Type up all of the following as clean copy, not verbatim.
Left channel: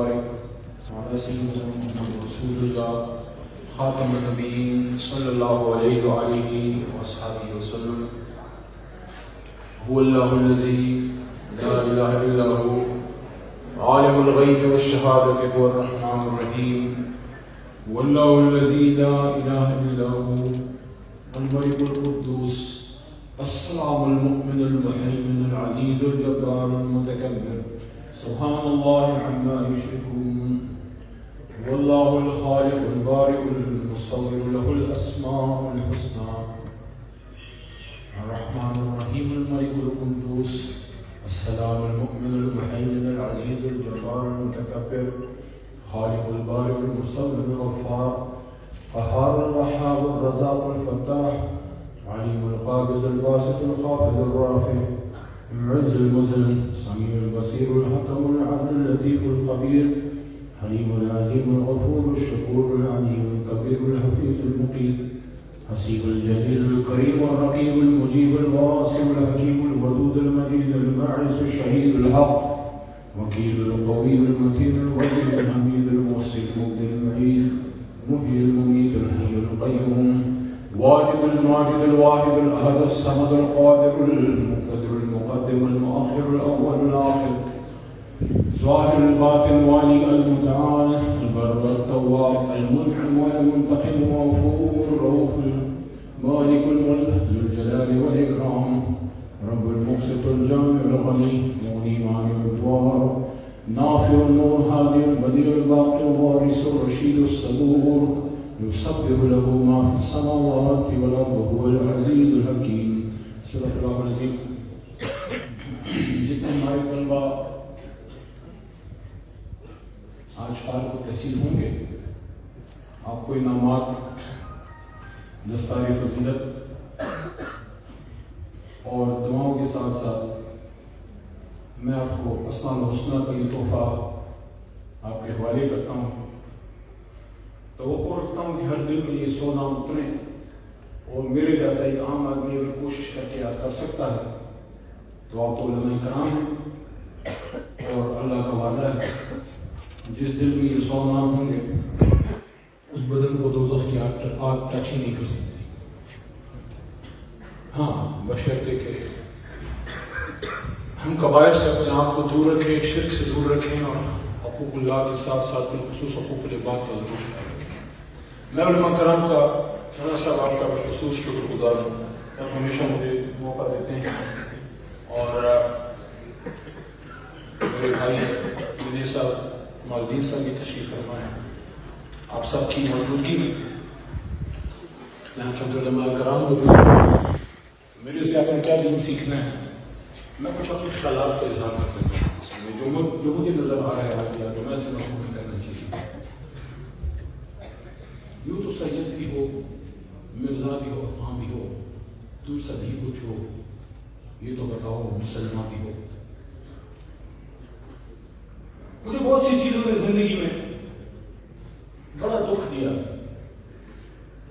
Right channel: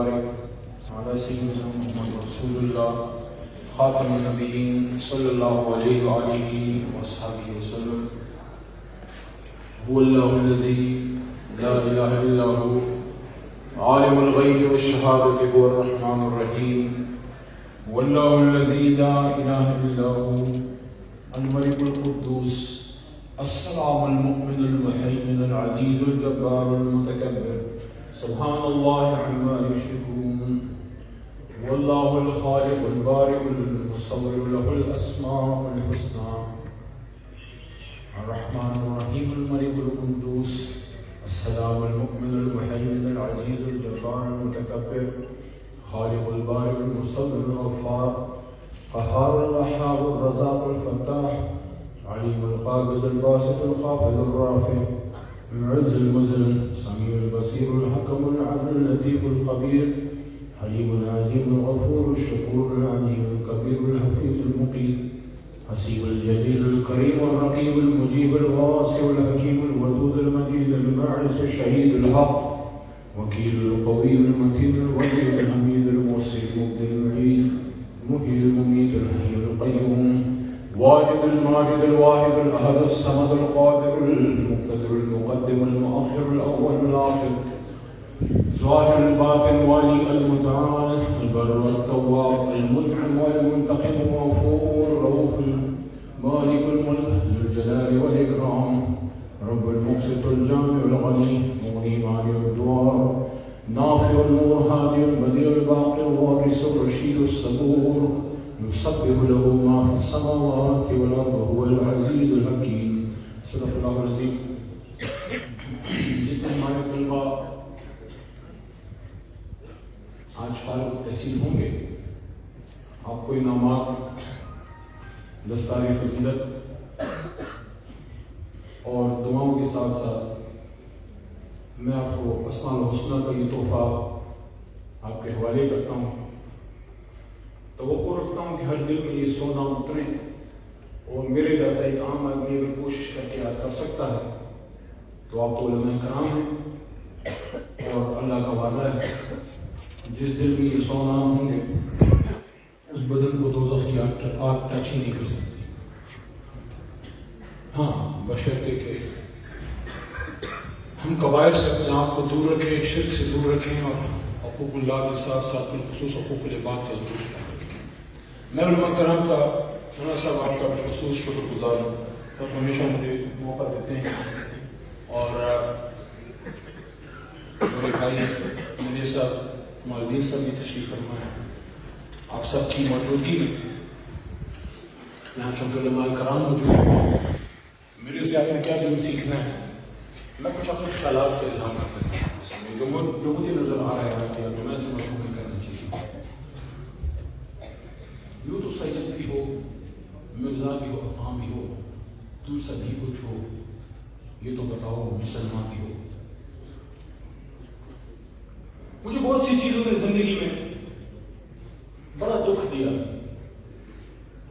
وبارک على سيدنا محمد رسول الله خاتم النبيين صلى الله عليه وآله وصحبه وسلم. هو الله الذي لا إله إلا هو عالم الغيب والشهادة هو الرحمن الرحيم. والله الذي لا إله إلا هو الملك القدوس السلام المؤمن المهيمن العزيز الجبار المتكبر سبحان الله عما يشركون. والله الخالق البارئ المصور له الأسماء الحسنى الرحمن الرحيم الملك القدوس السلام المؤمن المهيمن العزيز الجبار المتكبر خالق البارئ المصور الغفار قهار الوهاب الرزاق الفتاح عليم القابض الباسط الخافض الرافع المعز المذل سميع البصير الحكم العدل اللطيف الخبير حليم العظيم الغفور الشكور العليم الكبير الحفيظ المقيت حسيب الجليل الكريم الرقيب المجيب الواسع الحكيم الودود المجيد الباعث الشهيد الحق وكيل القوي المتين الولي الحميد الموصي المبدئ المعيد المحيي المميت الحي القيوم واجب الماجد الواحد الأحد الصمد القادر المقتدر المقدم المؤخر الأول الآخر ظاهر الباطن والي المتعال البر التواب المنعم والمنتقم الغفور الرؤوف مالك الملك ذو الجلال والإكرام رب المقسط الجامع الغني مغني مانع الدوار نافع النور هادي البديع الباقي الوارث الرشيد الصبور يسبح له ما في السماوات والأرض وهو العزيز الحكيم. صدق الله العظيم. جتنے ہمارے طلبہ آج فارغ التحصیل ہوں گے آپ کو انعامات دستار فضیلت اور دعاؤں کے ساتھ ساتھ میں آپ کو اسماء الحسنہ کا یہ تحفہ آپ کے حوالے کرتا ہوں. توقع رکھتا ہوں کہ ہر دل میں یہ سونا اترے اور میرے جیسا ایک عام آدمی اگر کوشش کر کے یاد کر سکتا ہے تو آپ تو علماء کرام ہیں اور اللہ کا وعدہ ہے جس دل میں یہ سونا ہوں گے اس بدن کو دوزخ کی آگ ٹچ ہی نہیں کر سکتی. ہاں بشرطے کہ ہم قبائل سے اپنے آپ کو دور رکھیں شرک سے دور رکھیں اور حقوق اللہ کے ساتھ ساتھ بالخصوص حقوق العباد کا ضرور خیال رکھیں. میں علماء کرام کا مولانا صاحب آپ کا بالخصوص شکر گزار ہوں اور ہمیشہ مجھے موقع دیتے ہیں اور میرے بھائی مجھے صاحب مالدین صاحب بھی تشریف فرما ہے. آپ سب کی موجودگی میں یہاں چونکہ علماء کرام موجود ہیں میری اسے آپ نے کیا دین سیکھنا ہے میں کچھ اپنے خیالات کا اظہار کرنا چاہتا ہوں جو مجھے نظر آ رہا ہے یا جو میں سے محفوظ کرنا چاہیے. یوں تو سید بھی ہو مرزا بھی ہو عام بھی ہو تم سبھی کچھ ہو یہ تو بتاؤ مسلمان بھی ہو. مجھے بہت سی چیزوں نے زندگی میں بڑا دکھ دیا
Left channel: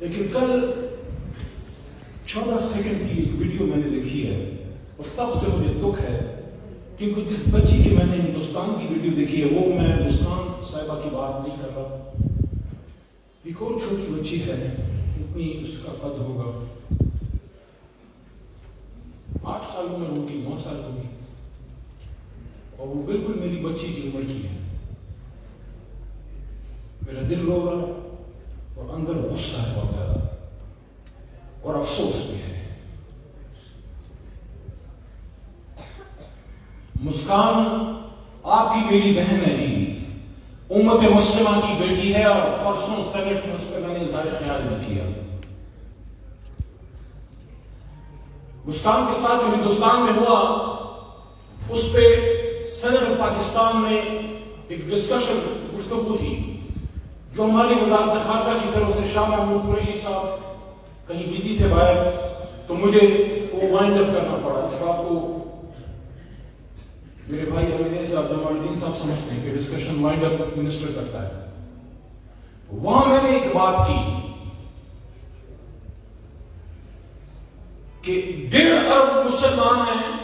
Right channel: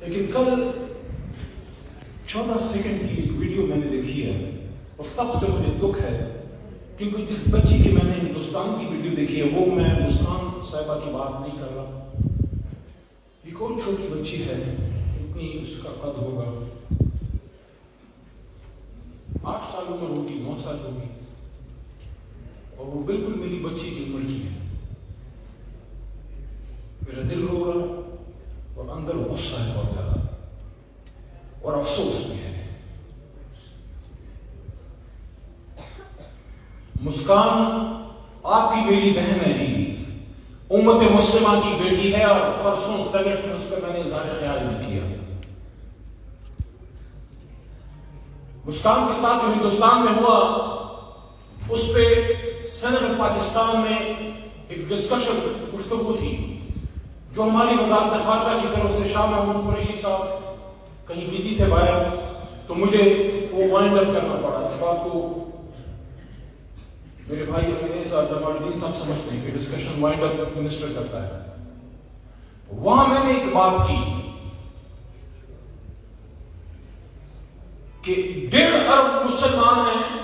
لیکن کل 14 سیکنڈ کی ایک ویڈیو میں نے دیکھی ہے اور تب سے مجھے دکھ ہے کیونکہ جس بچی کی میں نے ہندوستان کی ویڈیو دیکھی ہے وہ میں مسکان صاحبہ کی بات نہیں کر رہا. ایک اور چھوٹی بچی ہے اتنی اس کا قد ہوگا 8 سالوں میں ہوگی 9 سال ہوگی اور وہ بالکل میری بچی کی عمر کی ہے. میرا دل رو رہا اور اندر غصہ ہے بہت زیادہ اور افسوس بھی ہے. مسکان آپ کی میری بہن ہے جی امت مسلمہ کی بیٹی ہے اور پرسوں سینٹ میں اس پہ میں نے اظہار خیال نہیں کیا. مسکان کے ساتھ جو ہندوستان میں ہوا اس پہ سینٹ پاکستان میں ایک ڈسکشن گفتگو تھی جو ہماری وزارت خارجہ کی طرف سے شاہ محمود قریشی صاحب کہیں بزی تھے باہر تو مجھے وہ وائنڈ اپ کرنا پڑا. اس بات کو میرے بھائی حمید صاحب جمالدین صاحب سمجھتے ہیں کہ ڈسکشن وائنڈ اپ منسٹر کرتا ہے. وہاں میں نے ایک بات کی کہ 1.5 ارب مسلمان ہیں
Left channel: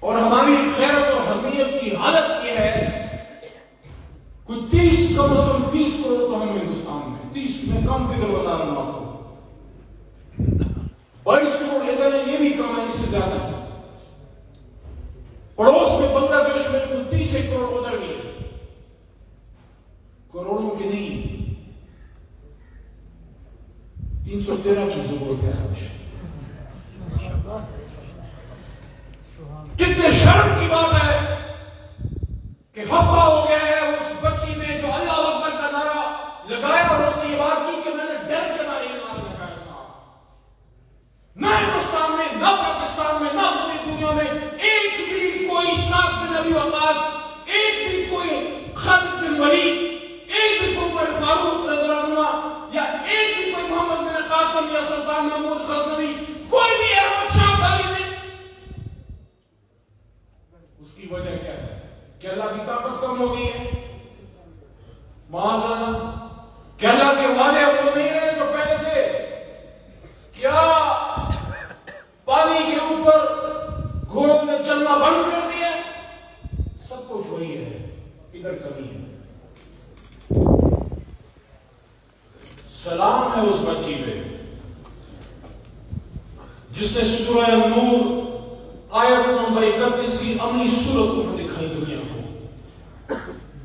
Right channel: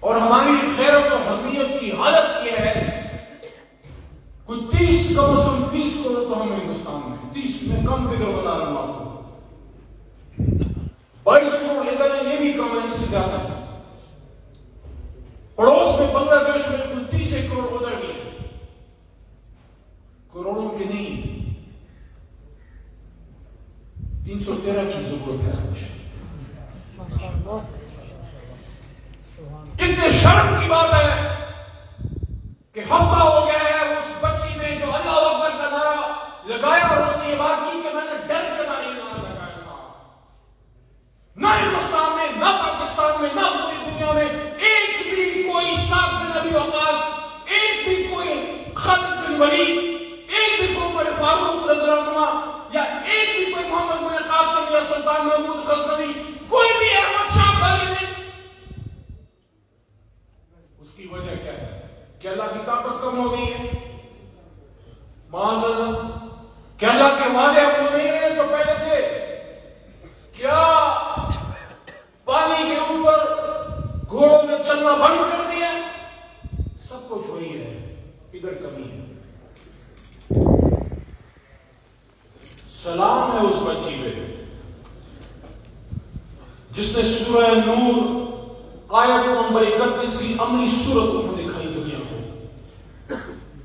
اور ہماری غیرت اور حمیت کی حالت 313 کی ضرورت ہے خوش. کتنے شرم کی بات ہے کہ ہفتہ ہو گیا ہے اس بچی نے جو اللہ اکبر کا نعرہ لگایا اور اس نے یہ بات کی کہ میں نے ڈر کے نعرہ لگایا تھا. نہ ہندوستان میں، نہ پاکستان میں، نہ پوری دنیا میں ایک بھی کوئی سعد بن ابی وقاص، ایک بھی کوئی خالد بن ولید، ایک بھی کوئی عمر فاروق رضی اللہ عنہ، یا ایک بھی کوئی محمد بن قاسم یا سلطان محمود غزنوی، کوئی بھی احمد شاہ ابدالی نہیں. اس کی وجہ کیا ہے؟ کہ اللہ کی طاقت کم ہو گئی ہے. معاذ اللہ، کہ اللہ کے وعدے اب وہ نہیں رہے جو پہلے تھے. کیا پانی کے اوپر گھوڑوں نے چلنا بند کر دیا؟ سب کچھ وہی ہے، ادھر کمی ہے. سلام ہے اس بچی پہ جس نے سورہ نور آیت نمبر 31 کی عملی صورت کو دکھائی دنیا کو.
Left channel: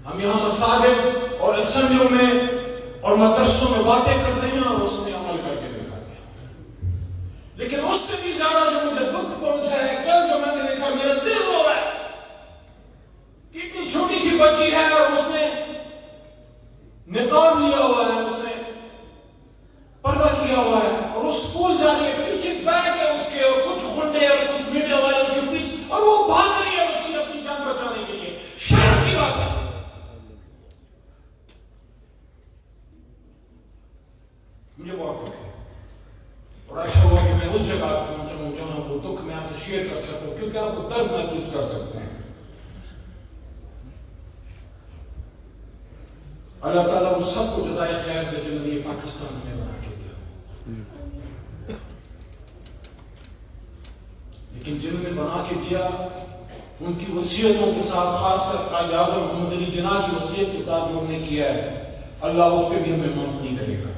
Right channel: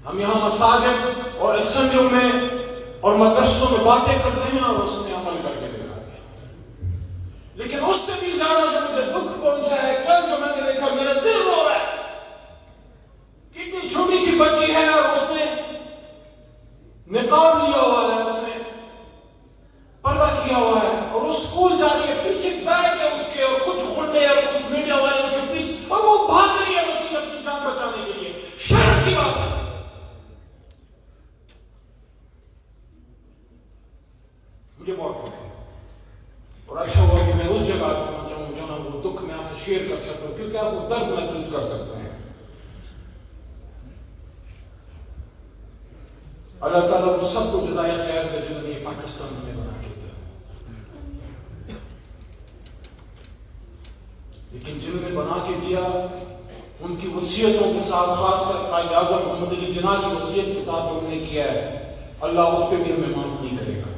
ہم یہاں مساجد اور اسمبلیوں میں اور مدرسوں میں باتیں کرتے ہیں اور اس نے عمل کر کے دکھاتے ہیں. لیکن اس سے بھی زیادہ جو مجھے دکھ پہنچا ہے کل جو میں نے دیکھا، میرا دل رو رہا ہے. اتنی چھوٹی سی بچی ہے اور اس نے نقاب لیا ہوا ہے، اس نے پردہ کیا ہوا ہے اور اس اسکول جا رہی ہے. پیچھے بیٹھ کے اس کے اور کچھ گنڈے اور کچھ میڈیا والے اس کے پیچھے، اور وہ بھاگ رہی ہے بچی اپنی جان بچانے کے لیے. شرم کی بات ہے. مجھے بہت دکھ ہے اور ایسا ہوا کہ میں اس جگہ پہنچا ہوں جہاں وہ دکھ میں آپ سے شیئر کر سکتا ہوں، کیونکہ آپ وہ درد محسوس کر سکتے ہیں. اللہ تعالیٰ اس سب کو جزائے خیر دے جنہوں نے یہ پاکستان میں بنا کے دیا. لیکن جنہوں نے بنا کے دیا ان کی وصیتوں کے ساتھ، خاص کر قائد اعظم محمد علی جناح کی وصیت کے ساتھ جو انہوں نے کیا ہے، اللہ اس پہ بھی ہمیں معاف نہیں کرے گا.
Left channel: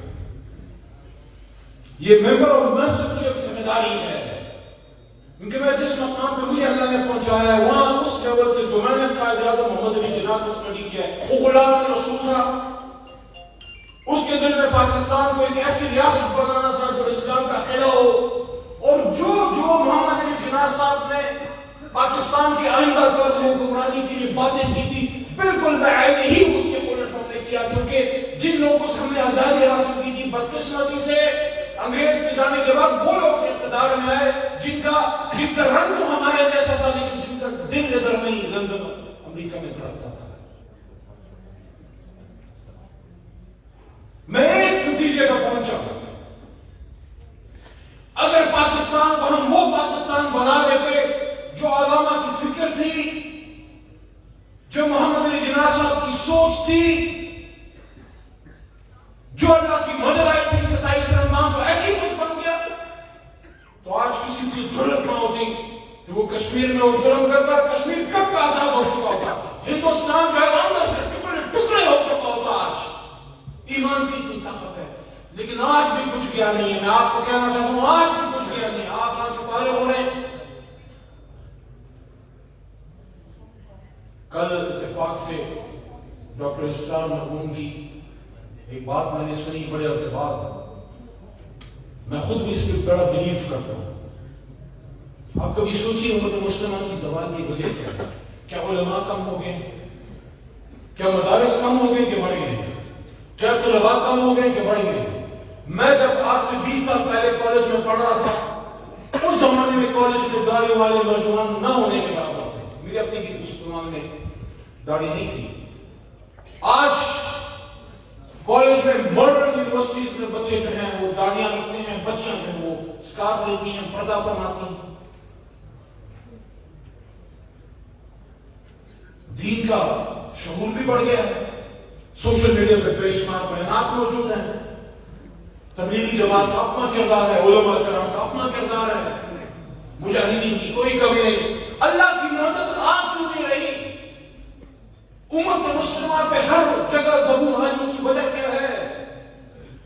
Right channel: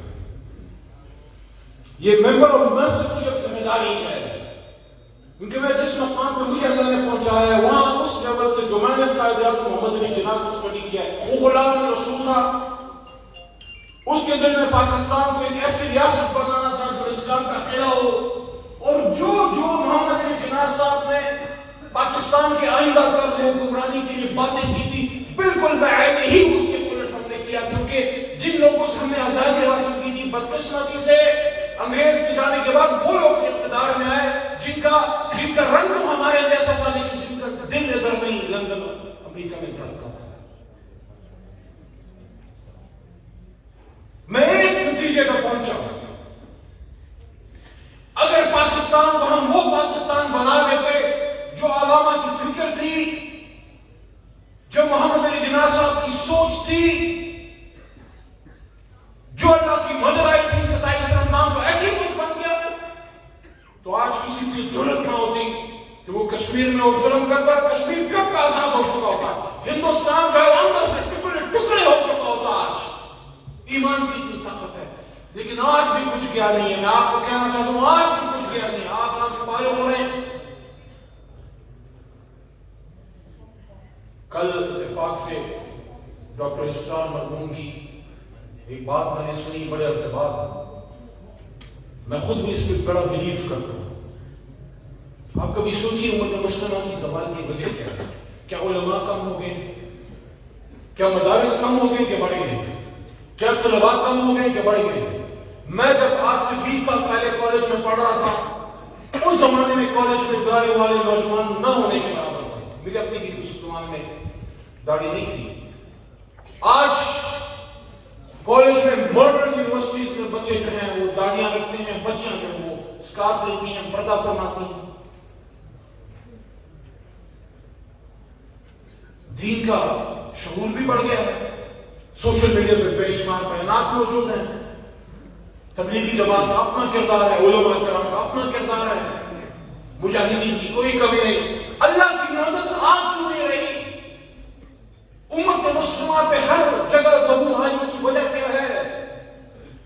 یہ ممبر اور مسجد کی ذمہ داری ہے، کیونکہ میں جس مقام پہ مجھے اللہ نے پہنچایا ہے وہاں اس لیول سے جو میں نے قائد اعظم محمد علی جناح کو اسٹڈی کیا ہے، وہ غلام رسول تھا. اس کے دل میں پاکستان کو ایک ایسی ریاست بنانا تھا جو اسلام کا قلعہ ہو. اور جو محمد علی جناح صاحب نے پاکستان کے آئندہ طرز حکمرانی کے لیے باتیں کی تھی، بالکل بعید ہی اس کے الٹ ہم نے کیا. کیونکہ جن لوگوں سے ہم نے آزادی حاصل کی تھی، بدقسمتی سے انگریز کے جانے کے بعد وہ لوگ اقتدار میں آئے جن کا رنگ تو ہمارے جیسا تھا، لیکن جن کا دل ادھر نہیں، لندن امریکہ میں دھڑکتا تھا. میں ایک نتیجے کا پہنچا، اگر پاکستان کو ہم وہ پاکستان بنا دیتے جو علامہ کی فکر تھی، جو محمد علی جناح صاحب کی سوچ تھی، جو اللہ کی مدد آئی تھی 27 رمضان کو ایسی کچھ بن گیا، تو آج کسی کی ضرورت نہ ہوتی کہ وہ کشمیر میں وہ ظلم کرتا. کشمیر کب کا آزاد ہو چکا ہوتا، ہندوستان جو ہے اندر سے ٹکڑے ٹکڑے ہو چکا ہوتا. آج ایمان کی اتنی طاقت ہے، لیکن آج بھی کچھ کیا نہیں ہے. میں آپ کو کہنا چاہتا ہوں آج بھی کچھ کیا نہیں ہے. آپ یہاں سے فارغ ہو رہے ہیں. کل اتفاق سے ڈاکٹر اسرار مرحوم کی ایک بات میں نے سنی، بڑے عرصے بعد. میں خود بھی اس پہ بڑا بلیو کرتا ہوں. آپ کبھی سوچیے امت مسلمہ کی زوال کی وجہ کیا ہے؟ کیا علماء کم ہو گئے؟ کیا مدارس کم ہو گئے کہ بڑھ گئے؟ کیا طلباء کم ہو گئے کہ بڑھ گئے؟ میں جب آج سے 20 سال پہلے کالج میں پڑھ رہا تھا، اس زمانے میں کالج میں داڑھی والے نوجوان نہ ہونے کے برابر تھے. میرے اپنے بھی اس زمانے میں داڑھی نہیں تھی. آج کالج میں ماڈرن یونیورسٹیز میں بچے جو ہیں وہ داڑیاں رکھتے ہیں، بچیاں جو ہیں وہ اسکارف لیتی ہیں، پردہ فرماتی ہیں. دین کا شعور بھی بڑھ گیا ہے. سوشل میڈیا پہ بے شمار بیانات موجود ہیں. تبلیغی جماعت کا اپنا کردار ہے، علماء کرام کا اپنا کردار ہے، مجاہدین کی کوئی کمی نہیں. اللہ کی مدد آج کیوں نہیں رہی؟ امت مسلمہ پہ ہر جگہ ظہور آنے کی وجہ کیا ہے؟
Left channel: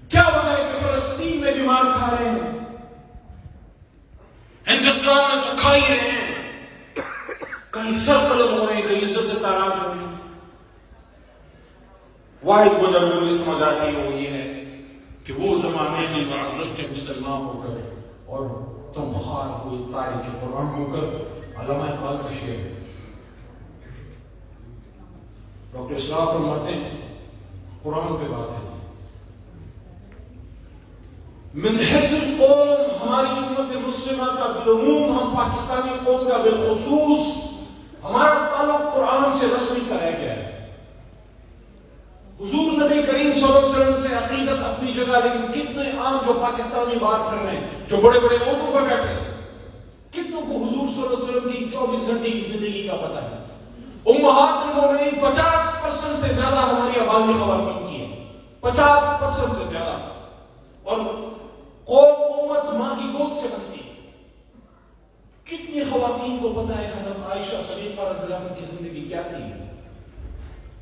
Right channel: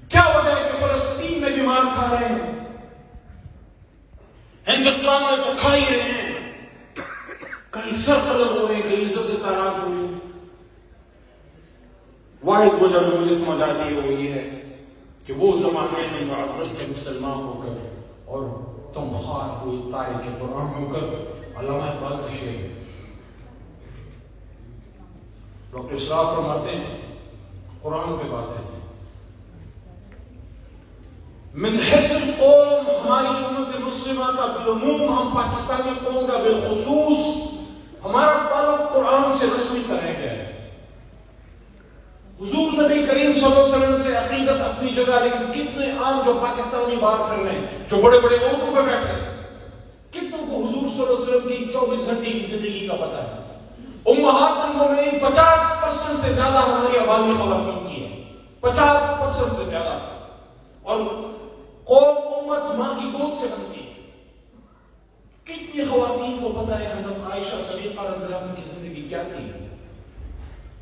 کیا وجہ ہے کہ فلسطین میں بھی مار کھا رہے ہیں، ہندوستان میں تو کھا ہی رہے ہیں، کہیں سر قلم ہو رہے ہیں، کہیں سر سے تاراج ہو رہے ہیں. واحد گزر میں اس مجاہدین میں یہ ہے کہ وہ زمانے میں معزز کے مسلمان ہو کر اور تم خار ہوئی تاریخ قرآن ہو کر علامہ اقبال کا شعر ہے. ڈاکٹر اسراف فرماتے ہیں قرآن پہ بات ہے من حیث القوم ہماری امت مسلمہ کا بالعموم ہم پاکستانی قوم کا بالخصوص ہمارا تعلق قرآن سے رسمی سا رہ گیا ہے. حضور نبی کریم صلی اللہ علیہ وسلم سے عقیدت اپنی جگہ لیکن کتنے عام جو پاکستانی بات کر رہے ہیں جو بڑے بڑے عہدوں پر بیٹھے کتنوں کو حضور صلی اللہ علیہ وسلم کی 24 گھنٹے کی زندگی کا پتہ ہے. امہات المومنین 50% سے زیادہ ہماری آبادی خواتین کی ہے 50% سے زیادہ اور قوم امت ماں کی گود سے بنتی ہے. کتنی خواتین کو پتہ ہے حضرت عائشہ صدیقہ رضی اللہ عنہا کی زندگی کیا تھی.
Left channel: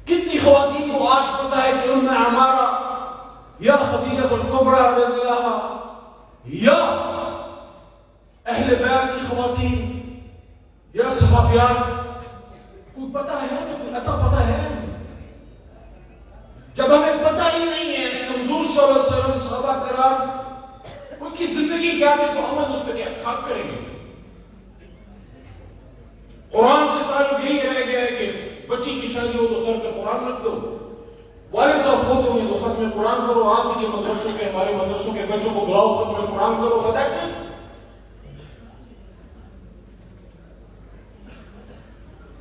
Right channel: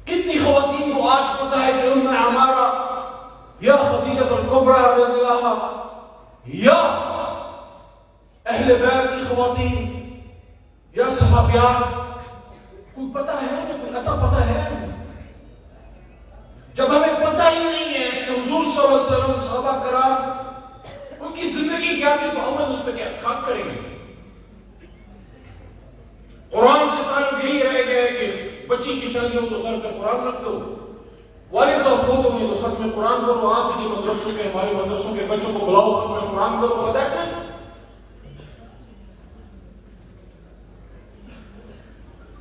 کتنی خواتین کو آج پتہ ہے کہ ام عمارہ یا خدیجہ الکبریٰ رضی اللہ یا اہل بیت کی خواتین یا صحابیات کوئی پتہ ہے کوئی عطا پتہ ہے. جب ہمیں پتہ ہی نہیں ہے کہ حضور صلی اللہ علیہ وسلم صحابہ کرام ان کی زندگی کیا تھی تو ہم اس پہ کیا خاک کریں گے. قرآن سے تعلق یہی رہ گیا ہے کہ بچی کی شادی ہو تو سر پہ قرآن رکھ دو, والد صاحب فوت ہوئے تو ختم قرآن کرو, آپ کے مدرسوں کے ہمارے مدرسوں کے بچوں کو بلاؤ ختم قرآن کرو. خدا سے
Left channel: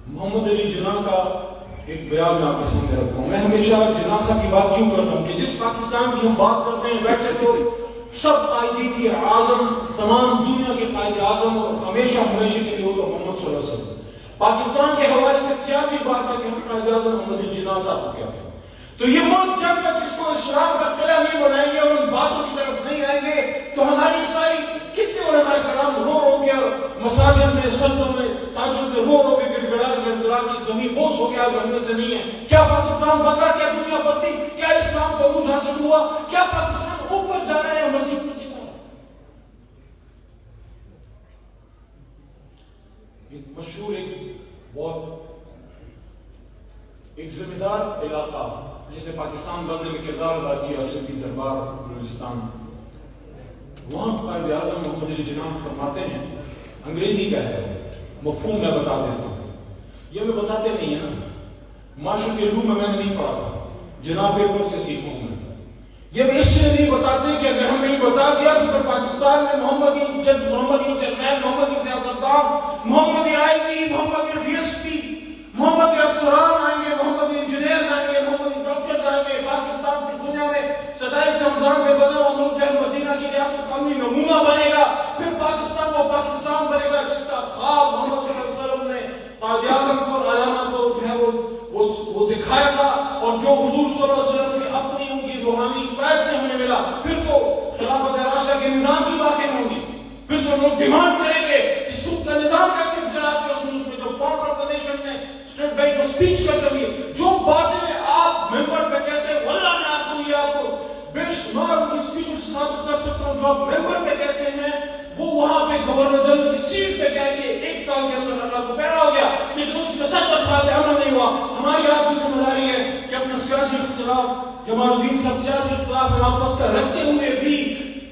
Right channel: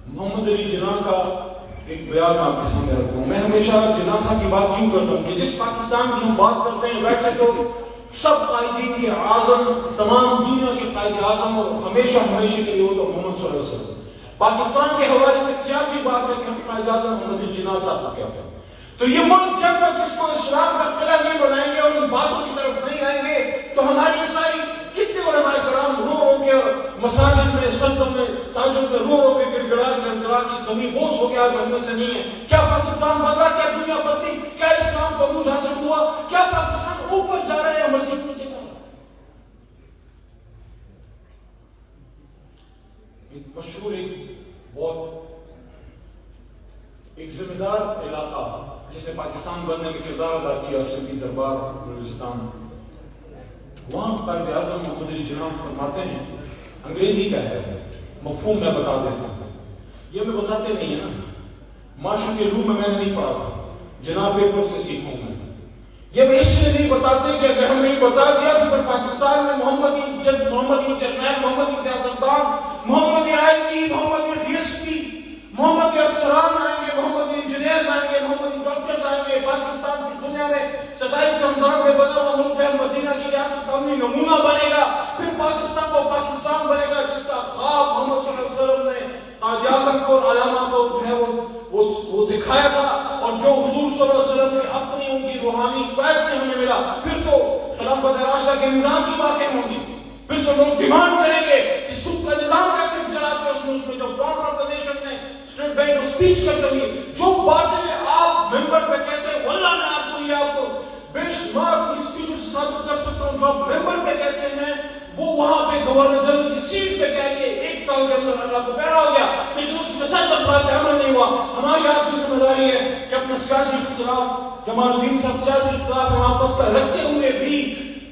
محمد علی جناح کا ایک بیان میں آپ کے سامنے رکھتا ہوں. میں ہمیشہ جنازہ کی بات کیوں کرتا ہوں کہ جس پاکستان کی ہم بات کرتے ہیں ویسے تو سب قائدین کے اعظم تمام دنیا کے قائد اعظم اور ہمیشہ ہمیشہ کے لیے ہو تو محمد صلی اللہ علیہ وسلم. پاکستان کے حوالے سے سیاسی بات ہے کہ ہم قائد اعظم محمد علی جناح صاحب کیا ہے. تو یہ ملک جب تک اس کو اسلام کا قلعہ نہیں بنائیں گے اور ان باتوں کی طرف نہیں آئیں گے تو ہماری ساری کتنے علماء کرام رو رو کے مساجد میں سجدوں میں تہجد میں رو رو کے گڑگڑا کی زمین بوس ہو گیا جنت سے نہیں ہے. کیا پاکستان بدلا, کیا دنیا بدلی, کیا اسلام کو عروج حاصل ہوا, کیا پاکستان اوپر جا رہے ہیں مسیح کی طرح. ایک مشہور ایک ذمہ دار علاقہ جس نے پاکستان بننے میں کردار ادا کیا سندھی دربار بلوچستان, وہاں قائد اعظم محمد علی جناح فرماتے ہیں انگریزی کا ہے مفہوم میں بتا دیتا ہوں. یہ میں بتاتے نہیں ہے نا, معاشرے کے علوم میں نے نہیں پڑھا تھا, جناب پیپر سے سیکھوں میں. یہ میں اس لیے نہیں بتاتے کہ اگر ہم نہیں بتا دیا تو پھر پاکستان میں محمدی جرنیل, محمدی سیاستدان, محمدی آئی ٹی, محمدی ڈی ایس پی, محمدی افسران آئیں گے, محمدی انجینئرز آئیں گے, محمدی ڈاکٹرز آئیں گے. پاکستان کی دنیا میں 27 رمضان میں بنا ہوا ملک ہے مدینہ کی ریاست قومی نمونہ بنے گا. پھر پاکستان کو پاکستان بنے گا جس کا خواب محمد صلی اللہ علیہ وسلم نے قائد اعظم کو اور علامہ کو جو ہے وہ دکھایا تھا اور جو حضور صلی اللہ علیہ وسلم کی اپنی ان کی روحانی فیض سے ہمیں ملا. پھر تو خلافت راشدہ کے نظام کی باتیں ہوں گی, پھر تو لوگ ڈیمانڈ کریں گے کہ سود کا نظام کیسے چلاتے ہو. سود میں جو فارمر آف دا نیشن نے اسٹیٹ بینک اسپیچ کرتے ہوئے جو باتیں آپ ممبر پہ کہتے ہیں واللہ میں آپ کو یہ آپ کو بے شمار کی اسپیچ ثابت کر سکتا ہوں جو آپ ممبر پہ کہتے ہیں وہ وہاں پہ گورنر جنرل کی سیٹ پہ کہہ کے 1 سال کے اندر اللہ کو پیرا ہو گیا, لیکن اس میں 70 سال سے عمل نہیں ہوا. ہماری آپ کی ذمہ داری ہے کہ اپنا سیاسی اختلاف جمال الدین صاحب سیاسی اختلاف ہم آپس کا رکھتے ہوئے بھی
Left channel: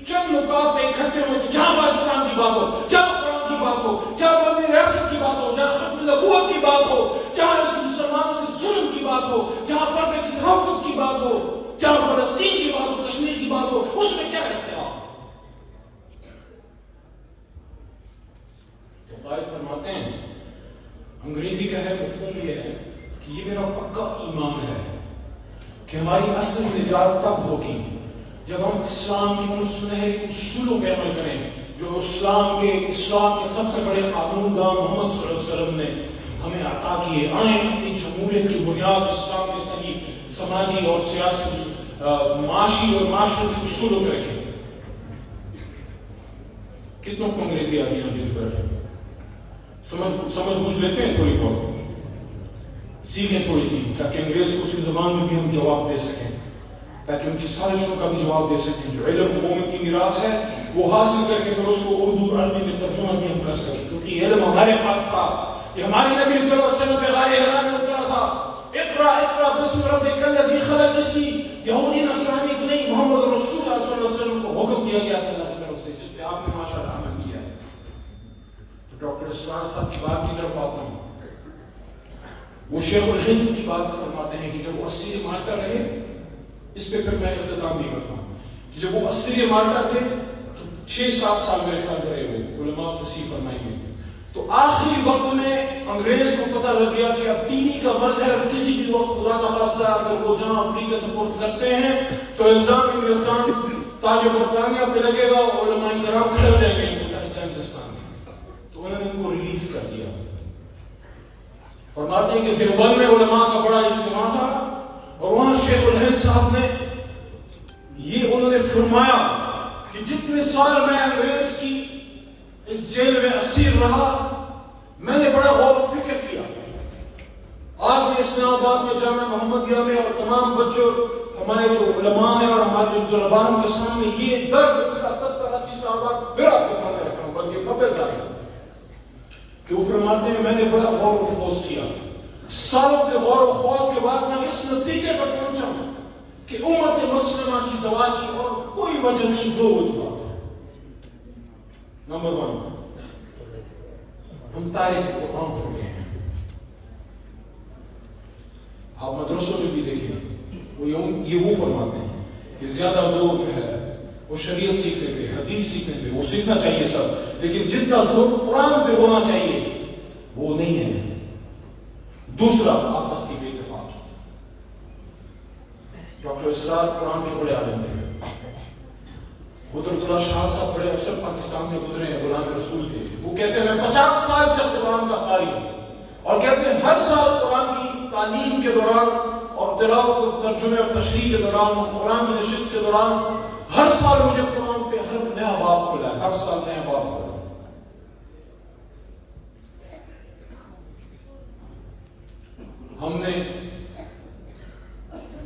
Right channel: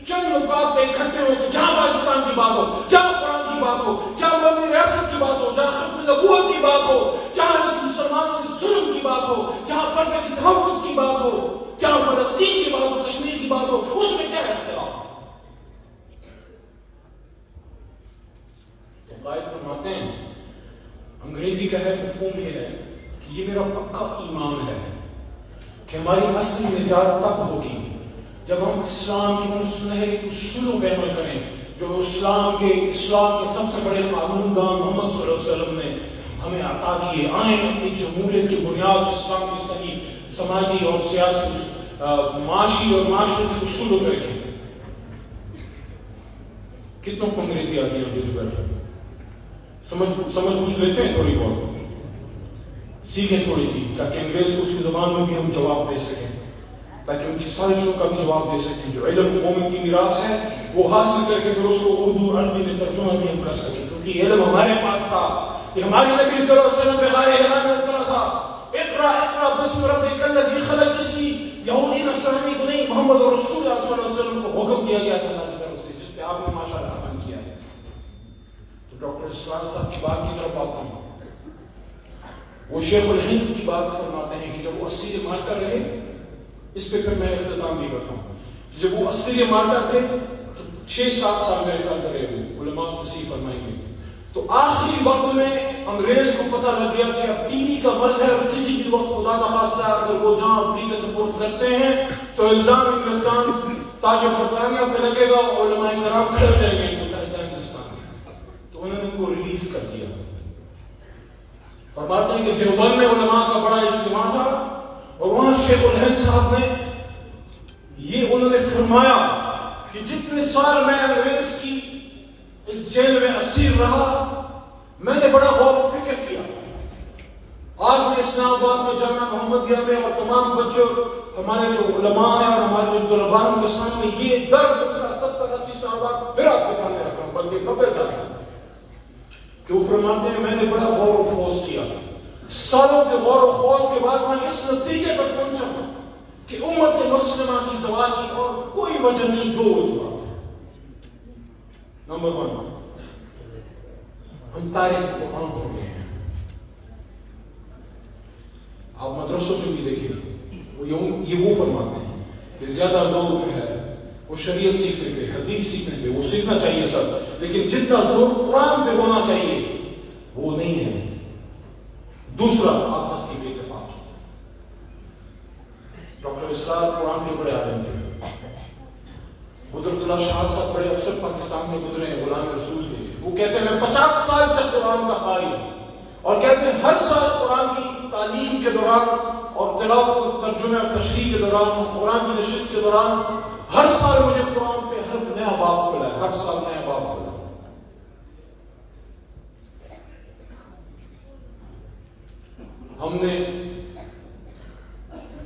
چند نکات پہ اکٹھے ہوئے کہ جہاں پاکستان کی بات ہو, جہاں قرآن کی بات ہو, جہاں اپنی ریاست کی بات ہو, جہاں ختم نبوت کی بات ہو, جہاں اس مسلمانوں سے ظلم کی بات ہو, جہاں پردے کی تحفظ کی بات ہو, جہاں فلسطین کی بات ہو, کشمیر کی بات ہو, اس میں کیا اختلاف. قائد فرماتے ہیں انگریزی کا ہے مفہوم یہ ہے کہ یہ میرا پکا ایمان ہے کہ ہماری اصل نجات تب ہوگی جب ہم اسلام کی ان سنہری اصولوں پہ عمل کریں جو اسلام کے سب سے بڑے قانون دان محمد صلی اللہ علیہ وسلم نے ہمیں عطا کیے. آئیں اپنی جمہوریت کی بنیاد اسلام کی صحیح سماجی اور سیاسی معاشی اور معاشرتی اصولوں پہ رکھیں. کتنوں کو انگریزی آتی ہے ابھی بیٹھے سمجھ بوجھ لیتے ہیں, تھوڑی بہت سیکھیں تھوڑی سی تاکہ انگریز کو اس کی زبان میں بھی ہم جواب دے سکیں, تاکہ ان کی سازشوں کا بھی جواب دے سکیں. جو علم مومن کی میراث ہے وہ حاصل کر کے پھر اس کو اردو اور عربی میں ترجمہ بھی ہم کر سکیں, کیونکہ یہ علم ہمارے پاس تھا. یہ ہمارے نبی صلی اللہ علیہ وسلم پہ غار حرا میں اترا تھا. اقرا اقرا بسم ربک الذی خلق, کسی یہودی نصرانی نہیں, محمد رسول اللہ وہ شیخ الہند کی بات فرماتے ہیں کہ جب وہ اسیر مالٹا رہے، اس پہ پھر میں اختتام بھی کرتا ہوں، جب وہ اسیر مالٹا تھے تو 6-7 سال میرے خیال رہے، وہ علماء تصحیح فرمائیں گے، تو آخری وقت میں انگریز کو پتہ لگ گیا کہ اب ٹی بی کا مرض ہے، اور کسی بھی وقت خدا کا خواستہ اگر وہ جہاں افریقہ سپورٹ کرتے ہیں تو الزام انگلستان تاج برطانیہ پہ لگے گا، علماء کرام کھڑے ہو جائیں گے ہندوستان میں، تو انہوں نے ان کو ریلیز کر دیا۔ فرماتے ہیں کہ دیوبند میں علماء کا بڑا اجتماع تھا، اور وہاں شیخ الہند صاحب نے یہ انہوں نے فرمایا کہ جتنے سال میں انگریز کی اس جیل میں اسیر رہا، میں نے بڑا غور و فکر کیا۔ آج میں اسلام آباد میں جامعہ محمدیہ میں اور تمام بچوں ہمارے جو علماء ہیں اور ہمارے جو طلباء کے سامنے یہ درد 70-80 سال بعد پھر آپ کے سامنے رکھا ہوں، بلکہ 90 سال کہ وہ فرماتے ہیں میں نے بڑا غور و خوض کیا، سالوں کے غور و خوض کے بعد میں اس نتیجے پر پہنچا ہوں کہ امت مسلمہ کی زوال کی اور کوئی وجہ نہیں، 2 وجوہات۔ نمبر 1، ہم تاریخ کو عام ہو گئے ہیں۔ آپ مدرسوں میں بھی دیکھیں، یہ وہ فرماتے ہیں کہ زیادہ زور جو ہے وہ شریعت سیکھنے پہ، حدیث سیکھنے پہ، وہ سیکھنا چاہیے سب، لیکن جتنا زور قرآن پہ ہونا چاہیے وہ نہیں ہے۔ دوسرا، آپس کی بے اتفاقی۔ ڈاکٹر اسرار قرآن کے بڑے عالم تھے، قدرت اللہ شاہ صاحب بڑے افسر پاکستان میں گزرے ہیں، غلام رسول کے، وہ کہتے ہیں میں 50 سال سے قرآن کا قاری ہوں، اور کہتے ہیں ہر سال قرآن کی تعلیم کے دوران اور تلاوت، ترجمے اور تشریح کے دوران، قرآن کی نشست کے دوران، ہر سال مجھے قرآن پہ ہر نیا باب کھلا ہے، ہر سال نیا باب کھلا ہے۔ ہم نے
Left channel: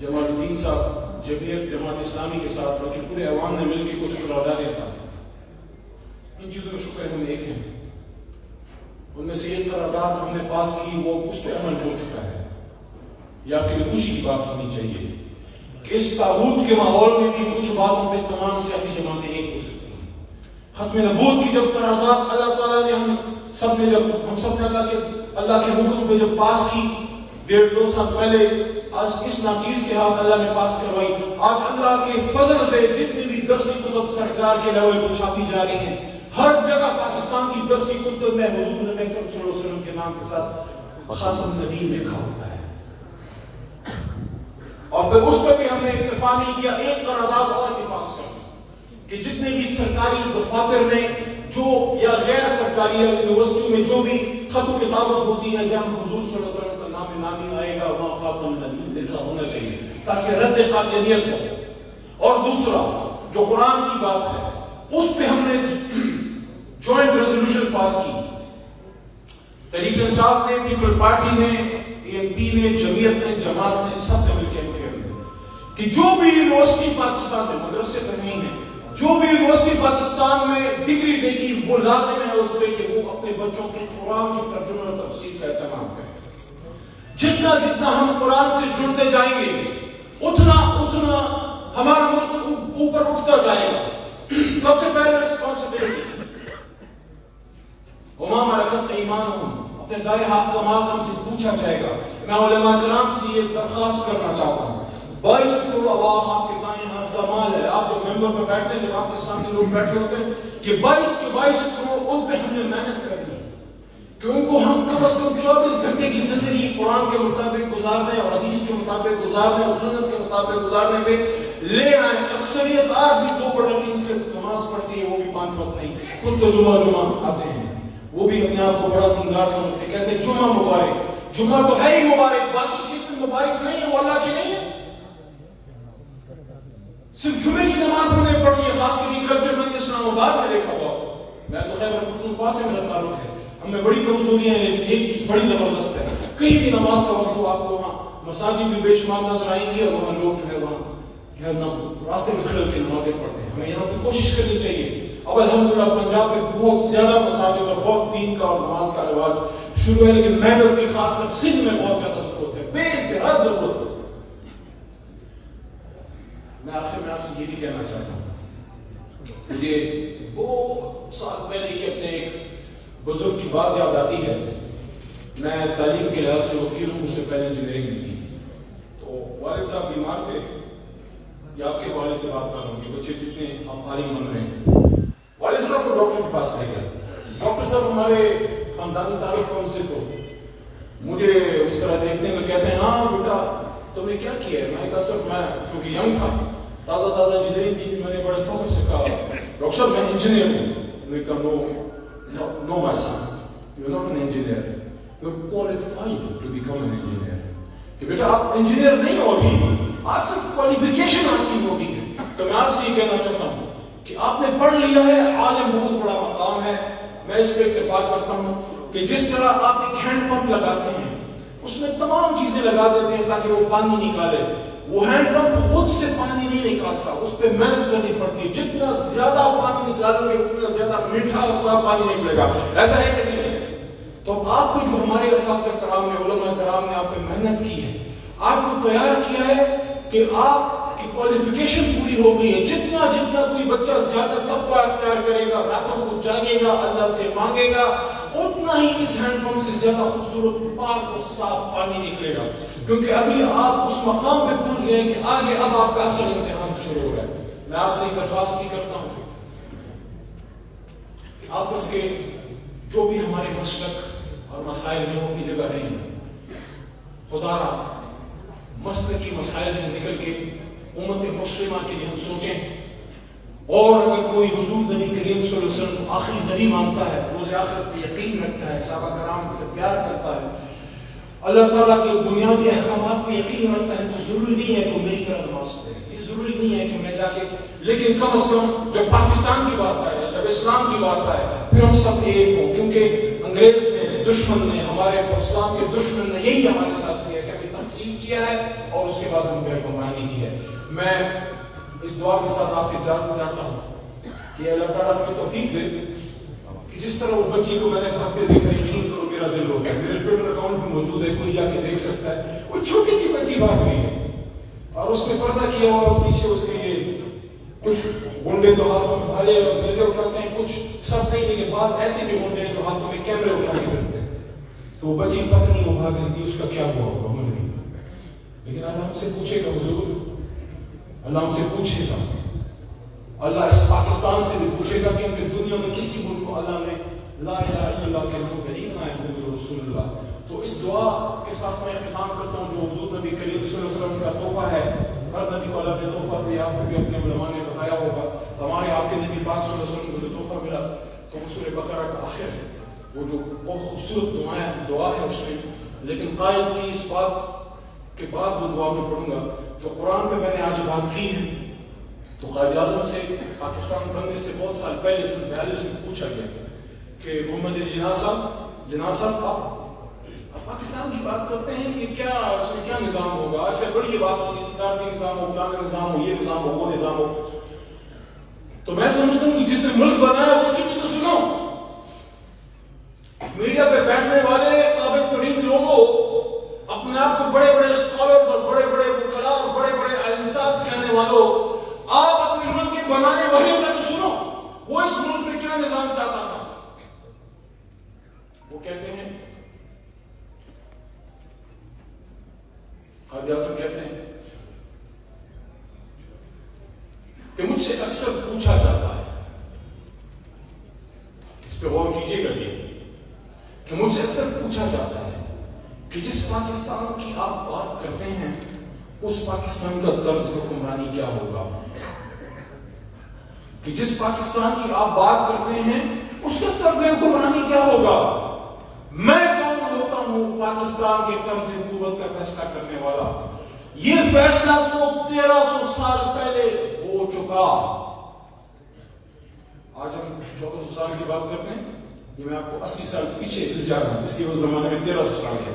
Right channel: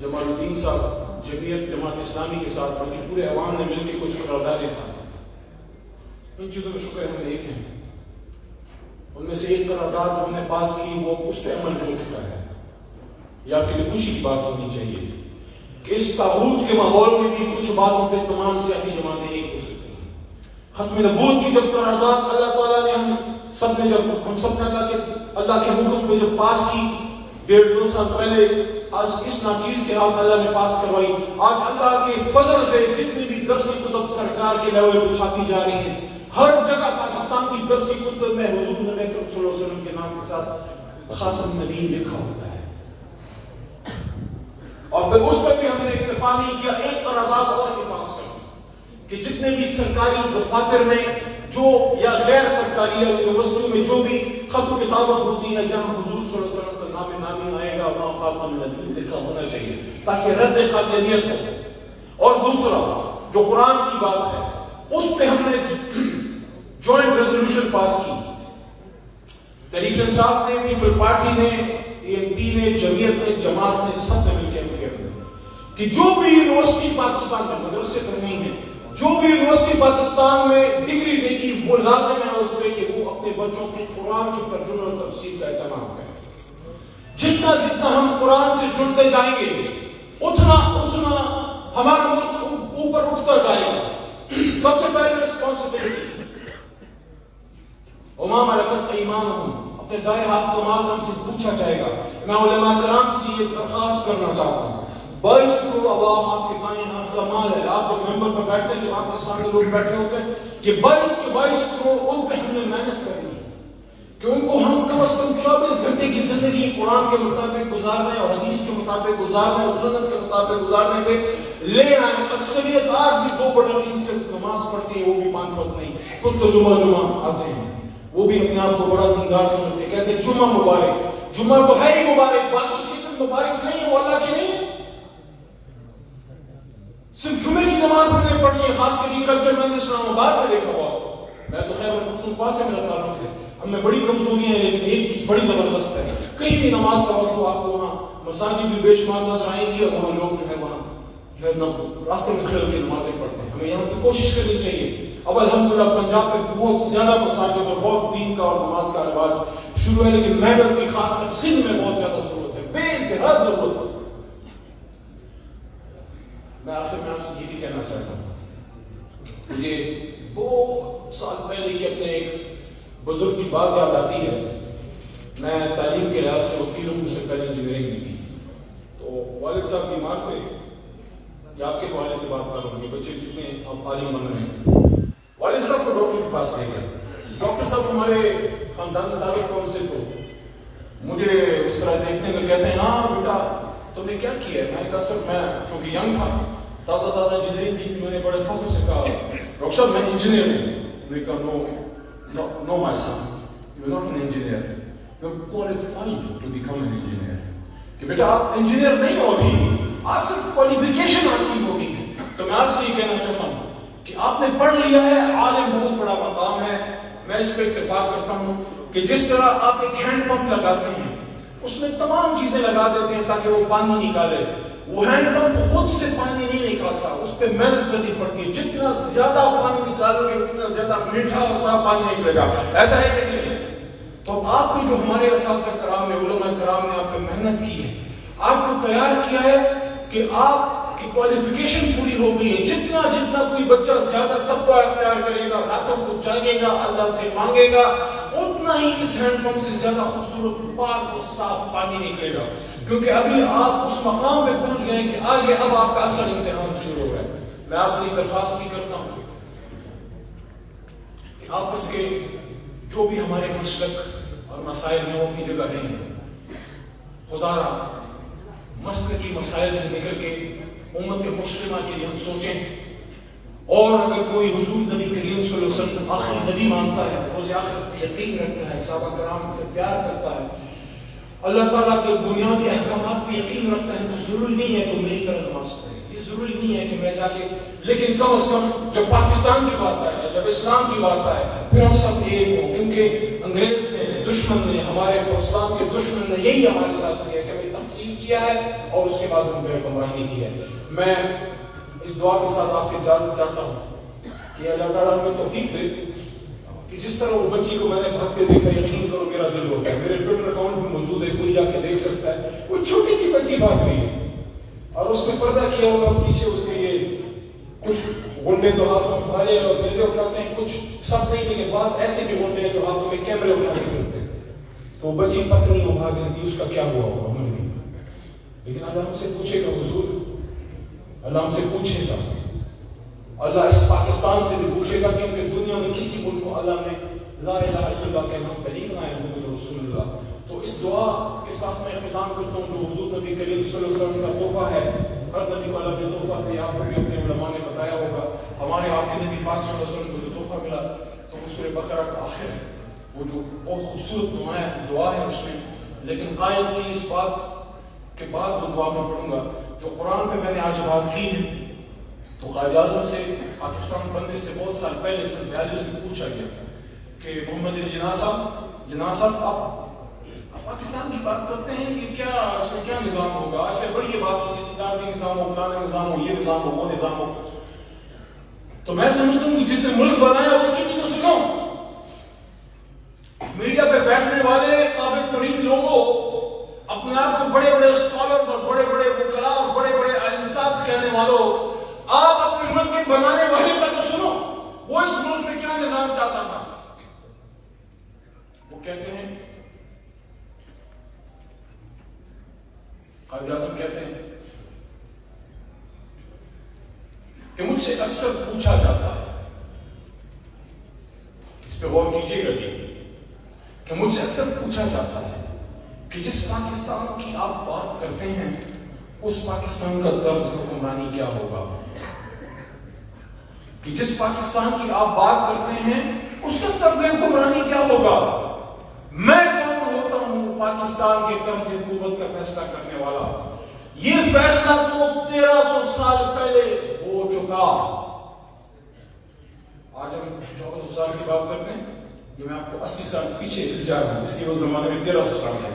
جمال الدین صاحب جمعیت جماعت اسلامی کے ساتھ بلکہ پورے عوام نے مل کے کچھ قراردادیں پاس کی، ان چیزوں کا شکر ہم نے ایک ہے، ان میں سے ایک قرارداد جو ہم نے پاس کی وہ اس پہ عمل ہو چکا ہے۔ یہ آپ کی خوشی کی بات ہونی چاہیے کہ اس تاغوت کے ماحول میں بھی کچھ باتوں پہ تمام سیاسی جماعتیں ایک ہو سکتی ہیں۔ ختم نبوت کی جب قرارداد اللہ تعالیٰ نے ہم سب نے کہا کہ اللہ کے حکم پہ جب پاس کی 1.5-2 سال پہلے، آج اس ناچیز کے ہاتھ اللہ نے پاس کروائی، آج اللہ کے فضل سے جتنی بھی درسی کتب سرکار کے لیول پہ چھاپی جا رہی ہیں، ہر جگہ پاکستان کی درسی کتب میں حضور نبی اکرم صلی اللہ علیہ وسلم کے نام کے ساتھ خاتم النبیین لکھا ہوتا ہے۔ اور پھر اس پر بھی ہم نے اتفاق نہیں کیا، ایک قرارداد اور بھی پاس کر کہ جتنے بھی سرکاری دفاتر میں جو یا غیر سرکاری یا یونیورسٹیوں میں جو بھی خط و کتابت ہوتی ہے جہاں حضور صلی اللہ علیہ وسلم کا نام نامی آئے گا وہاں خاتم النبیین لکھا ہونا چاہیے تاکہ رد قادیانیت ہو۔ اور دوسرا جو قرآن کی بات ہے اس پہ ہم نے جوائنٹ ریزولوشن پاس کی، تحریک انصاف نے، پیپل پارٹی نے، ANP نے، جمعیت نے، جماعت نے، سب نے مل کے کہ جو بھی یونیورسٹی پاکستان میں، مدرسے پر نہیں ہے، جو بھی یونیورسٹی پاکستان میں ڈگری دے گی وہ لازم ہے اس پہ کہ وہ اپنے بچوں کے قرآن کی ترجمہ اور تفسیر کا اہتمام کریں۔ جتنا جتنا ہم قرآن سے جڑتے جائیں گے اتنا اتنا ہمارا ملک اوپر اٹھتا جائے گا۔ سب سے پہلے ریسپانسبلٹی، وما ملکت ایمانہم، اپنے دائیں ہاتھ کا مال ہم سے پوچھا جائے گا۔ میں علماء کرام سے یہ درخواست کرنا چاہتا ہوں، 22 کروڑ عوام آپ کے دائیں ہاتھ کا مال ہے، آپ جو ممبر پہ بیٹھتے ہیں، جب آپ کے سامنے لوگ بیٹھے ہوتے ہیں کہ 22 کروڑ ان پہ ہم نے محنت کرنی ہے کہ ان کو ہم کم از کم 24 گھنٹے کی زندگی قرآن کے مطابق گزارنے اور حدیث کے مطابق گزارنے اور سنت کے مطابق گزارنے پہ لے آئیں۔ اکثریت آج بھی 2/3 صرف نماز پڑھتی ہے، وہ بھی 5 وقت نہیں، خود تو جمعہ آتے ہیں، وہ بھی اپنے آپ کو بڑا دیندار سمجھتے ہیں، کہتے ہیں جمعہ مبارک، جمعہ تو ہے ہی مبارک، باقی چیزیں مبارک نہیں ہے، وہ اللہ کی نہیں ہے۔ صرف جمعے کی نماز ہم نے پڑھی ہے، خاص کر کلچر میں اسلام آباد میں دیکھا ہوا، میں تو خیبر پختونخوا سے میرا تعلق ہے، ہم میں بڑی کمزوریاں ہیں لیکن ایک چیز بڑی زبردست ہے، کہیں بھی نماز کا وقت ہو آپ کو وہاں مساجد بھی بے شمار نظر آئیں گی اور وہاں لوگ جو ہے وہاں جو ہے راستے میں کھڑے ہو کے نمازیں پڑھتے ہیں۔ ہمیں یہاں کی کوشش کرنی چاہیے۔ اب الحمدللہ پنجاب میں بہت زیادہ مساجد اور بہت دین کا اور نماز کا رواج شروع ہے، لیکن محنت کی خاص کر سندھ میں بہت زیادہ ضرورت ہے، بے انتہا ضرورت ہے۔ میں آخر میں آپ سے یہ بھی کہنا چاہتا ہوں، مجھے بہت سال پہلے کہ اپنے ایک بزرگ کی بات یاد آتی ہے میں تعلیم کے لحاظ سے وکیل ہوں، مجھ سے پہلے انجینئرنگ نہیں کی، تو والد صاحب بیمار تھے، یا آپ کے والد سے بات کر لوں گی، بچے کتنے اب عالم بن رہے ہیں، والد صاحب کو ڈاکٹر کے پاس لے گئے، ڈاکٹر صاحب ہمارے خاندان تعلق کون سے تو مجھے اس طرح دیکھنے میں کہتے ہیں ہاں بیٹا تم نے کیا کیا ہے؟ میں نے کہا سر میں چونکہ ینگ تھا، تازہ انجینئرنگ کی، میں نے بڑے فخر سے کہا ڈاکٹر صاحب میں انجینئر ہوں، میں نے کہا no my son you are not an engineer, you are qualified to become an engineer, کہ بیٹا آپ انجینئر نہیں ہو ابھی، آپ صرف کوالیفیکیشن آپ کی ہوگی ہے، تو میں آپ سے یہ کہنا چاہتا ہوں کہ آپ نے پڑھ لیا ہے، عالم بہت بڑا مقام ہے، میں اس پہ اتفاق کرتا ہوں کہ جس طرح آپ ایک ہینڈ پمپ لگاتے ہیں اس میں تمام چیزیں لگا دیتے ہیں تاکہ وہ پانی نکالے، وہ ہینڈ پمپ خود سے پانی نہیں نکالتا، اس پہ محنت کرنی پڑتی ہے، جتنا زیادہ پانی نکالو گے اتنا زیادہ میٹھا اور صاف پانی نہیں ملے گا، ایسا ہے کہ نہیں؟ تو آپ کو جو ہمارے اساتذہ کرام نے، علماء کرام نے آپ پہ محنت کی ہے، آپ کو تیار کیا ہے کہ آپ کی کوالیفیکیشن پوری ہو گئی ہے، جتنا کوئی بچہ زیادہ تقویٰ اختیار کرے گا، راتوں کو جاگے گا، اللہ سے مانگے گا، اتنا ہی اس ہینڈ پمپ سے زیادہ خوبصورت پاک اور صاف پانی نکلے گا، کیونکہ ابھی آپ اس مقام پہ پہنچ گئے کہ آگے اب آپ کا اصل امتحان شروع ہو رہا ہے۔ میں آپ سے درخواست بھی کرتا ہوں کہ آپس کے جو بھی ہمارے مسلک اور مسائل میں وہ اپنی جگہ رہیں، خدا را مسلکی مسائل سے نکل کے امت مسلمہ کے لیے ہم سوچیں، اور اگر کوئی حضور نبی کریم صلی اللہ علیہ وسلم کو آخری نبی مانتا ہے، روز آخرت پہ یقین رکھتا ہے، صحابہ کرام سے پیار کرتا ہے، اللہ تعالیٰ کے بنیادی احکامات پہ یقین رکھتا ہے، تو ضروری نہیں ہے کہ میری طرح نماز پڑھے، یہ ضروری نہیں ہے کہ میں جا کے، لیکن کم از کم جب پاکستان کی بات آئے، جب اسلام کی بات آئے، پھر ہم سب ایک ہوں، کیونکہ انگریز نے، دشمن نے، ہمارے اسلام کے دشمن نے یہی ہمارے ساتھ کیا کہ ہمیں تقسیم کیا ہے اور اس کے بعد ہم پہ حکمرانی کی ہے۔ میں اس دعا کے ساتھ آپ سے اجازت چاہتا ہوں کہ اللہ تعالیٰ ہمیں توفیق دے کہ جس طرح وہ بچی کو میں نے بھاگتے دیکھا، یقین کرو میرا دل ہو گیا، میرے ٹویٹر اکاؤنٹ میں موجود ہے، کوئی جا کے دیکھ سکتا ہے، وہ چھوٹی سی بچی بھاگ رہی ہے اور اس نے پردہ کیا ہوا اور پیچھے اس کے یہ کچھ گنڈے تو ہاتھوں میں بھالے اور نیزے اٹھاتے ہیں، کچھ سب نہیں لیکن بعض ایسے بھی گنڈے ہیں جو ہاتھوں میں کیمرے اٹھا کے کرتے ہیں، تو وہ بچی پتہ نہیں وہ بھاگ رہی تھی، اس کا کیا ہوا ہوگا ہمیں نہیں، لیکن اللہ ہم سے پوچھے گا حضور، اللہ ہم سے پوچھے گا، اللہ اس پاکستان سے بھی پوچھے گا، کیونکہ دنیا میں کسی ملک کو اللہ نے لا الہ الا اللہ کے نام کریم آئے محمد رسول اللہ۔ تو اس دعا کے ساتھ میں اختتام کرتا ہوں جو حضور نبی کریم صلی اللہ علیہ وسلم کا تحفہ ہے، ہر نبی کو اللہ نے تحفہ دیا، آپ کو بھی اپنے علماء نے بتایا ہوگا، ہمارے آپ کے نبی پاک صلی اللہ علیہ وسلم کو جو تحفہ ملا تو سورہ بقرہ کا آخر ہے، وہ جو بہت خوبصورت دعا ہے اس میں، لیکن قائد کی اس بات کے بعد وہ دعا میں پڑھوں گا جو قرآن پہ میں نے آج بات کی ہے، تو قائد اعظم سے پاکستان بننے سے بہت سال پہلے سن 42 میں پوچھا گیا کہ محمد علی جناح صاحب آپ پاکستان کی بات کرتے ہیں کہ کیا اس میں کیا نظام ہوگا، آج کل بڑی یہ بات ہوگی صدارتی نظام ہو، فلاں نظام ہو، یہ نظام ہو، وہ نظام ہو، تو میں سمجھتا ہوں کہ جس نے ملک بنایا اس کی بھی تو سنو، میڈیا پہ بیٹھنے والے قابل ترین لوگوں، اپنے آپ کو بڑے بڑے اسکالرز اور بڑے بڑے وکلاء اور بڑے بڑے علمساز کہنے والوں، آپ اپنے ملک کے بنانے والے کا تو سنو، وہ اس ملک میں کیا نظام چاہتا تھا، وہ کہتے ہیں، قائد اعظم کہتے ہیں کہ مجھ سے اکثر پوچھا جاتا ہے، اس پہ غور کیجیے گا یہ، کہ مجھ سے اکثر پوچھا جاتا ہے کہ جس پاکستان کی آپ بات کرتے ہیں اس پاکستان کا طرز حکمرانی کیا ہوگا، کہ جس پاکستان کی آپ بات کرتے ہیں اس کا طرز حکمرانی کیا ہوگا، میں کون ہوتا ہوں پاکستان کے طرز حکومت کا فیصلہ کرنے والا، یہ فیصلہ تو 1300 سال پہلے ہو چکا، آج ہم 1400 سال کی بات کرتے ہیں، یہ میں آپ کو 80 سال پیچھے جا رہا ہوں، اس کے وہ زمانے میں 1300 سال ہے،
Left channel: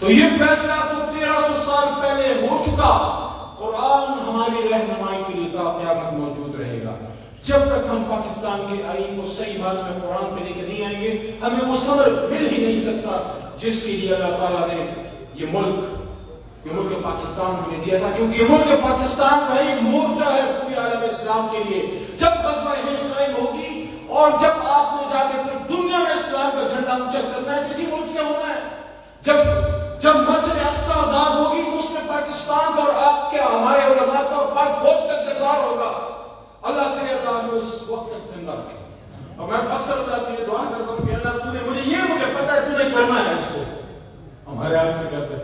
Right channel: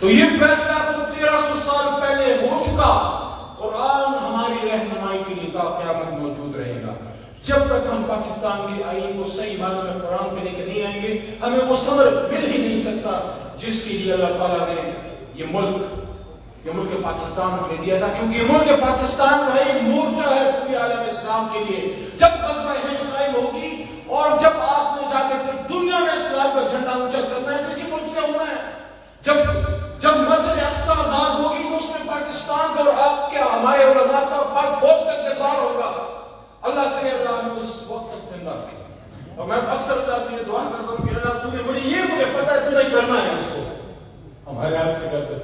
تو یہ فیصلہ تو 1300 سال پہلے ہو چکا، قرآن ہماری رہنمائی کے لیے تا قیامت موجود رہے گا، جب تک ہم پاکستان کے آئین کو صحیح معنی میں قرآن پہ لے کے نہیں آئیں گے ہمیں وہ صبر مل ہی نہیں سکتا جس کے لیے اللہ تعالیٰ نے یہ ملک پاکستان ہمیں دیا تھا، کیونکہ یہ ملک پاکستان کا ایک مورچہ ہے پورے عالم اسلام کے لیے، جب غزوہ ہند قائم ہوگی اور جب آپ کو جا کے دنیا میں اسلام کا جھنڈا اونچا کرنا ہے کسی ملک سے ہونا ہے، جب مسجد اقصی آزاد ہوگی تو اس میں پاکستان کا اور آپ کے ہمارے علماء کا اور پاک فوج کا کردار ہوگا. اللہ کرے اللہ نے اس وقت تک زندہ رکھے. اور میں اکثر اللہ سے یہ دعا کرتا ہوں کہ اللہ تو نے مجھے پتا ہے تو نے کرنا ہے اس کو. ہمارے ہاتھ سے کرتے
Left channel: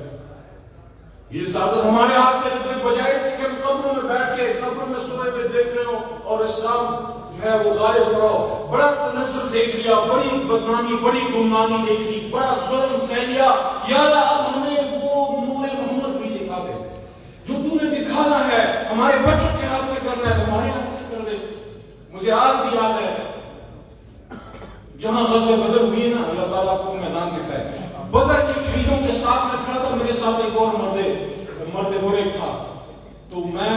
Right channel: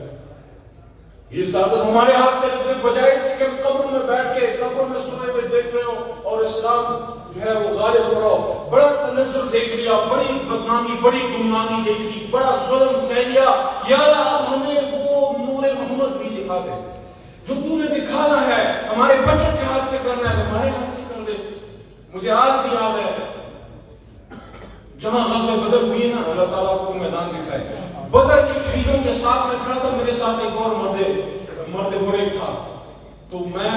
یہ سعادت ہمارے ہاتھ سے نکلے بجائے اس کے قبروں میں بیٹھ کے قبروں میں سوئے ہوئے دیکھ رہے ہو اور اسلام جو ہے وہ غالب ہو رہا ہو. بڑا تنزل دیکھ لیا, بڑی بدنامی, بڑی گمنامی دیکھ لی, بڑا ظلم سہ لیا. یا اللہ اب ہمیں وہ نور محمد بھی دکھا دے جو تو نے دکھانا ہے. ہمارے بچوں کے ہاتھ سے کرنا ہے, ہمارے ہاتھ سے کر دے. مجھے آج بھی یاد ہے جہاں غزوہ بدر ہوئی ہے نا, اللہ تعالیٰ کو میدان دکھائے. بدر کے شہیدوں کے ساتھ میں کھڑا تھا, میرے ساتھ ایک اور مرد غریب تھا. تو میں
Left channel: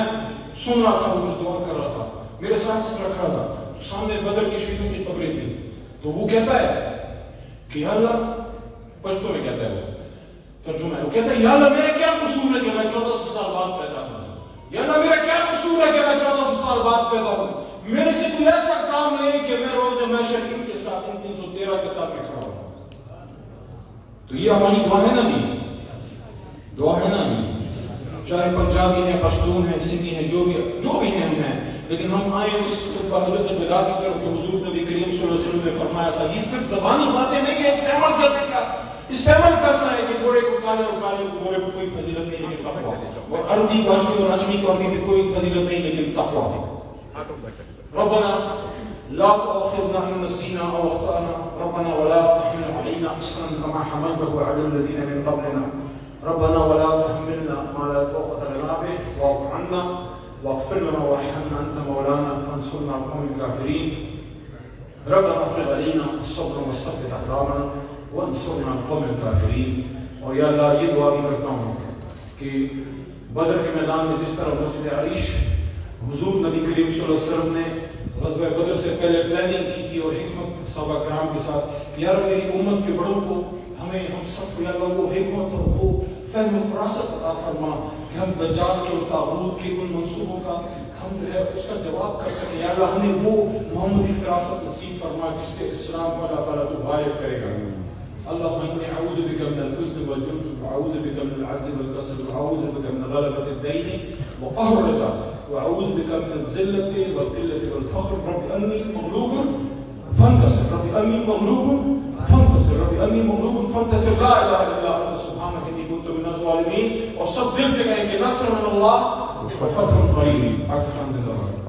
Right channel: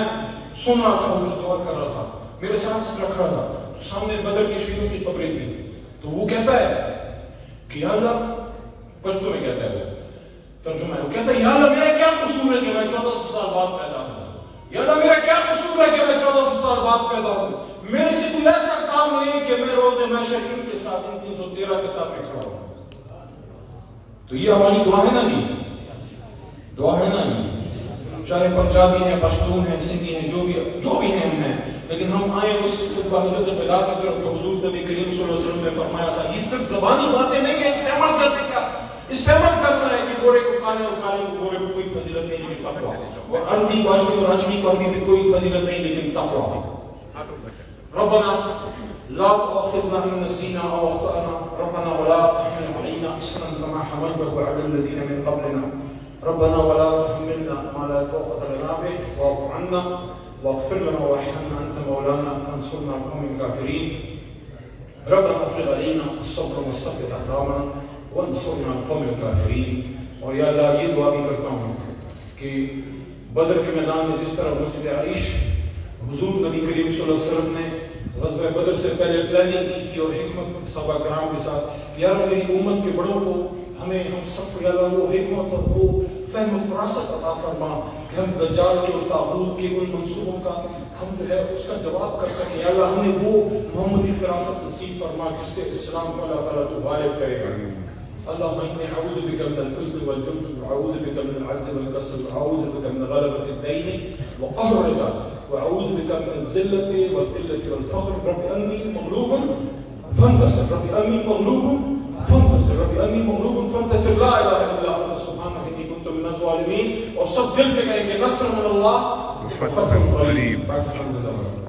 سن رہا تھا, وہ دعا کر رہا تھا, میرے ساتھ کھڑا تھا. سامنے بدر کے شہیدوں کی قبریں تھی. تو وہ کہتا ہے کہ یا اللہ, پشتو میں کہتا ہے, وہ ترجمہ ہے, وہ کہتا ہے یا اللہ میرا کیا قصور ہے کہ میں 1400 سال بعد پیدا ہوں. یا اللہ میرا کیا قصور ہے کہ میں 1400 سال بعد پیدا ہوں. میرے سے کوئی ایسا کام نہیں کہ میں روز محشر کے ساتھ 313 کے ساتھ میں کھڑا ہوں. تو یہ ہماری دعا ہے نا جی, دعا ہے نا جی. چاہے پنجابی ہیں, پشتون ہیں, سندھی ہیں, جو بھی ہیں, لیکن ہم آئے اس حجت الوداع کی طرف. تو حضور نبی کریم صلی اللہ علیہ وسلم نے فرمایا تھا یہ صرف زبانی باتیں نہیں کہ اس پہ عمل کرنے کا, اس پہ عمل کرنا ہے کہ گورے کو کالے اور کالے کو گورے کو کوئی فضیلت نہیں لیکن تقویٰ, اور عربی کو عجمی اور عجمی کو عربی بھی کوئی فضیلت نہیں لیکن تقویٰ. ربنا لا تؤاخذنا ان نسينا او اخطانا ربنا ولا تحمل علينا اصرا كما حملته على الذين من قبلنا ربنا ولا تحملنا ما لا طاقة لنا به واعف عنا واغفر لنا وارحمنا انت مولانا فانصرنا على القوم الكافرين ربنا افرغ علينا الصبر وثبت اقدامنا وانصرنا على القوم الكافرين. اور یا اللہ یہ دعا بھی کرتا ہوں کہ بدر کے میدان میں جس طرح مسجد عریش حضور نبی کریم صلی اللہ علیہ وسلم نے غزوہ بدر سے پہلے پلاننگ کی تھی اور حکمت صحابہ کرام کے ساتھ, یا رب میری امت کے بڑوں کو ہمیں ہم سب کو یا اللہ وہ حکمت اور وہ فہم و فراست عطا فرما کہ ہم دجال کے اور طاغوت کے ان منصوبوں کا ہم جو ہے اس کا جواب کر سکیں. یا اللہ ہمیں وہ محمدی فراست نصیب فرما جس سے اسلام کو اللہ تعالیٰ تو غالب کرے گا. اللهم إني أعوذ بك من الحزن والجبن وأعوذ بك من العجز والكسل وأعوذ بك من غلبة الدين وقهر الرجال وأعوذ بك من الذلة والقلة والفخر. رب أني مغلوب فانتصر, رب أني مغلوب فانتصر, رب أني مغلوب فانتصر. لا إله إلا أنت سبحانك إني كنت من الظالمين. اور سب دل سے کہیں کہ نصر من اللہ وفتح قریب. پاکستان زندہ باد.